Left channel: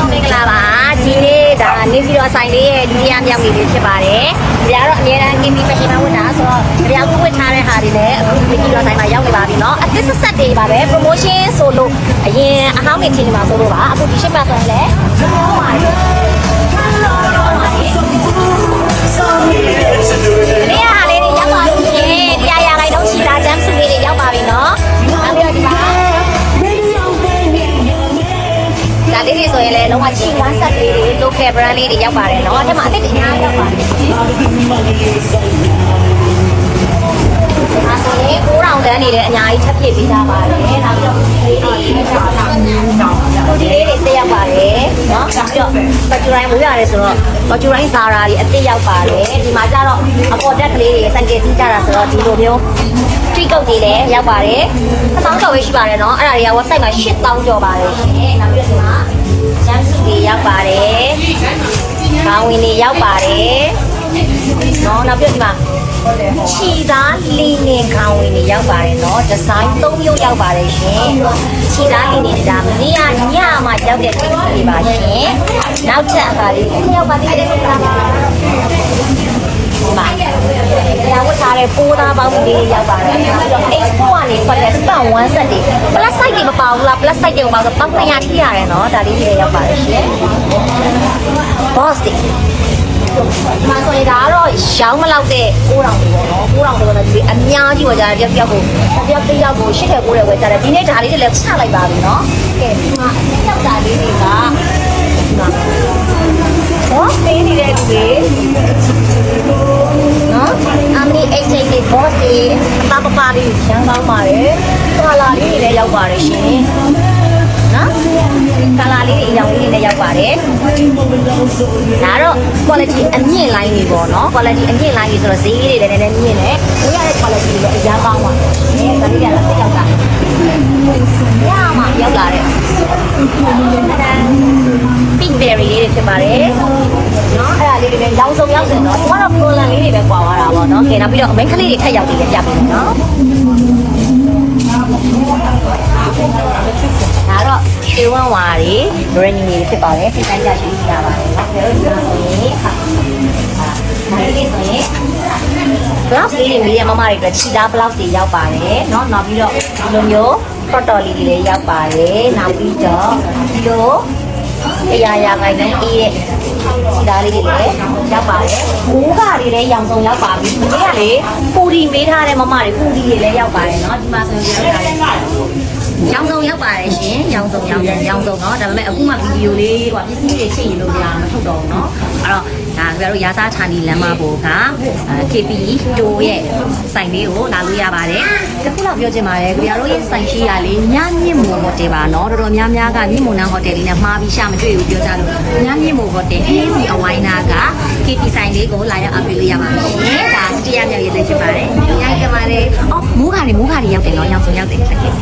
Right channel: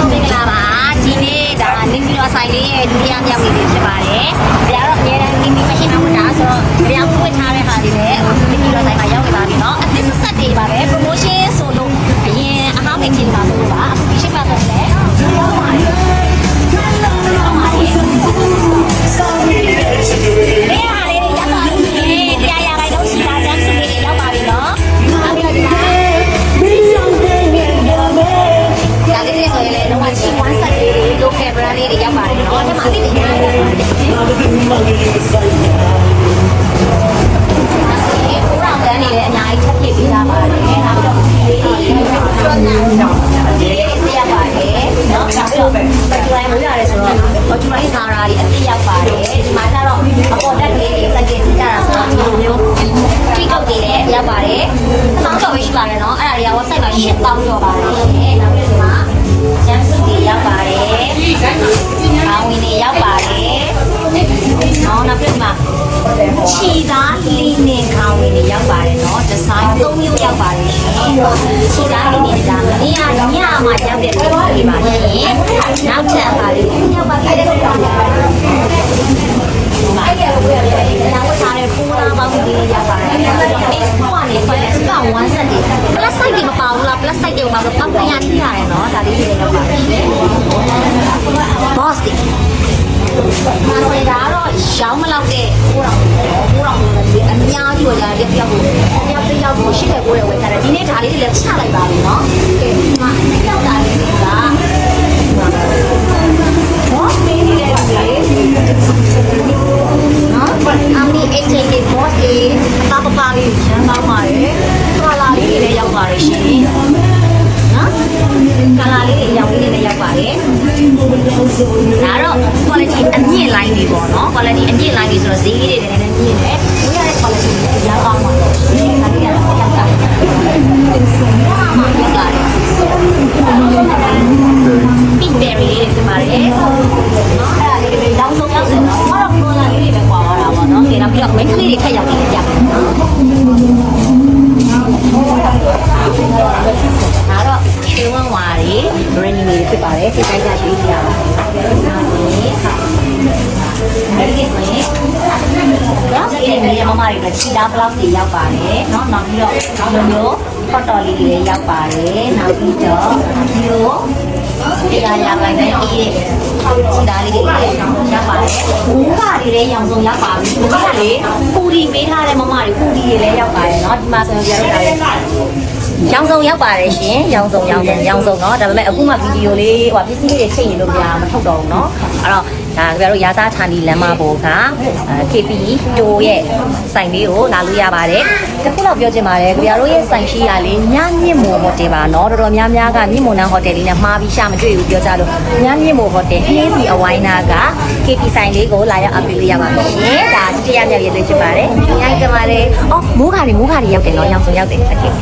မင်္ဂလာပါဒီနေ့ဒါနေပြည်တော်ဆိုင်လေးရဲ့တရားမြောက်နေ့လေးဖြစ်ပါတယ်။ဒါကတော့အများအား KB fashion ဝတ်တာဆိုတော့တရားဝတ်ထားတဲ့ဟာတွေလည်းအခုနေပြည်တော်ဆိုင်မှာရောက်နေပါပြီเนาะအသစ်ဆက်ဆက်တွေပါပဲ promotion ဆိုလို့အရင်အဟောင်းတွေထင်နေမှာဆိုလို့ပါအခုဒီရှစ်ပတ်ဆိုရင်လည်း brand လေးတွေရောက်ပါတယ်နော်ဒီမှာအစ်ဒီနာရောက်ပါတယ်အဲဆိုရင်ကိုရောင်တန်းနေလည်းအများကြီးထပ်ပြည့်ပေးကြပါတယ်နောက်ပြီးတော့ဒီလေးတွေဒီလေးတွေတက်ရောက်ပါတယ်နော်နောက်ပြီးတော့ပကျူရိုင်းမူရတယ်ဆိုတော့ပကျူရိုင်းစာရာတွေအစ်ရောက်ပါတယ်ဒီမှာကျတော့အပေါ်တက်ကလေးတွေစံကယ်စီကြတာဆိုတော့ဒီလိုမျိုးထိကုတ်တွေလည်းရောက်ပါတယ်အသောင်းကျော်ပဲရှိပါတယ်နော်အဲ့ဒါတွေက website မှာ8000ကျော်ပါတယ်ရှင်နောက်ပြီးတော့ဒီမှာကျန်းစုတွေရောက်ပါတယ်။ ခေါင်းဝင်တွေရောက်ပါတယ်။နော်နောက်ပြီးဒီမှာခြီသားလီနင်ခေါင်းဝင်တွေရောက်ပါတယ်နော်။ဒီဇိုင်း၃မျိုးရောက်ပါတယ်ရှင်။ခြီသားလီနင်တွေဒါမနေ့ကညမှာရောက်တဲ့ဒီပါရှင်။နောက်ထပ်အပါလေးရောက်ပါသေးတယ်လား။ဒီမှာရောက်ဝတ်ထားတဲ့ပိုးသားပေါင်းတွေရောက်ပါတယ်။အဲ့တော့အိတ်ဖို့ကနေဆွဲတဲ့စပန်1 set တွေ plus size တွေမပေါဘူးလား plus size တွေမှာပေါက်200ထိရတယ်နော်ဒါလေးတွေရောက်ပါတယ်ရှင် boss တွေ မာဆိုရင်ဒါကတော့ရောင်းမလောက်တဲ့9000တွေပေါ့9000တွေတော့ဒီအများကြီးပေါ်ကြတယ်ပြောက်ဖို့ပြောက်ပြောက်ဖို့ရှစ်တဲ့ကိုယ်တွေဝယ်ကြတယ်ဒီနေ့ဒါလေးတွေလည်းချလိုက်ပါပြီနော်ကဲဒီမှာအပြောက်တာလေးတွေက boss တွေနေတဲ့သူတွေနော်အမီအိတ်ချင်းတွေ boss တွေပပပလေးရမ်းကောင်းပါတယ်ကာလာလေးတွေလည်းရောက်ပါတယ်ရှင် quality အမြင့် line တွေပေါ့နော် quality အမြင့် line တွေဆိုတော့ဈေးလေးတွေလည်းလည်းမြင့်တယ်ဒီရတဲ့ quality တွေအများကောင်းပါတယ်ရှင်ဒါတွေကရောက်တာရမှာရောက်လာတယ် pink berry လေးတွေဖြစ်ပါတယ်နော်အဲ့ဒါလေးတွေရောင်စုံရောက်တယ်နော်ဘာတော့ color လေးတွေပဲပွာသွားတာပေါ့နော်ကဲနောက်ပြီးတော့ main ကလေးတွေခက်ရောက်နေကြပြီနော် တော့ရွှေဝန်းဝါတွေ brand new တွေဖြစ်ပါတယ်စိတ်တိုင်းကြရွေးကြပါတယ်နော်ဒါတို့ပြောရင်ဟာဒီလေးဆိုရင် blouse လေးတွေမီးရမမတွေအတွက်ခြိသား blouse တွေရောက်ပါတယ်เนาะနောက်ပြီးတော့ဒီလိုမျိုး product လေးတွေလည်းရောက်ပါတယ်နောက်ပြီးတော့ဒီလိုတရားရာခိုင်နှုန်းပြည့်တဲ့ခြိသားလေးတွေလည်းရောက်ပါတယ်ဘူးကတွေလည်းရောင်စုံရောက်ပါပြီဒီနေ့ကလေပူဒီပေးထားတဲ့မမတွေပူဒီတွေလည်းရောက်ပါတယ်เนาะဒီမှာဆိုရင်ပြောရတာလေ ရောင်စုံရောက်ပါတယ်ရှင်ရောင်စုံရောင်စုံရောင်စုံเนาะဒါပေမဲ့အခုမှဗီဒီယိုလေးဟိုပစ္စည်းလေးတွေချိန်နေလို့မရမထုတ်တော့ဘူးเนาะအဲ့တော့ဒါကြတို့ရာစားဌာနီလမ်းမပေါ်ကအဲ KP တိုးရဲ့ဆိုင်လေးကိုလာလို့ရပါတယ်တခုတော့ပြောချင်ပါတယ်ကြတို့ရဲ့ဆိုင်ရှိရလေညမြင့်မိုဟိုတယ်ပါเนาะတော်တော်များများကမြင့်မိုနန်းဟိုတယ်လေးနဲ့မှားပြီးရှာမတွေ့ဘူးပြောကြလို့ညမြင့်မိုဟိုတယ်အေးစီအဝိုင်းနာက KP ဆိုင်လေးကိုလာရောက်အပ်ပေးလို့ရပါမယ်ရှင်ဒါတ ရမြောက်ရေးသွေးဖြစ်ပါတယ်။အများကြီးကမာတယ်။အော်မိုးခါတွေမိုးခါတွေရောက်တယ်နော်။ရောက်ဆုံးရောက်တယ်။ဟုတ်ကဲ့။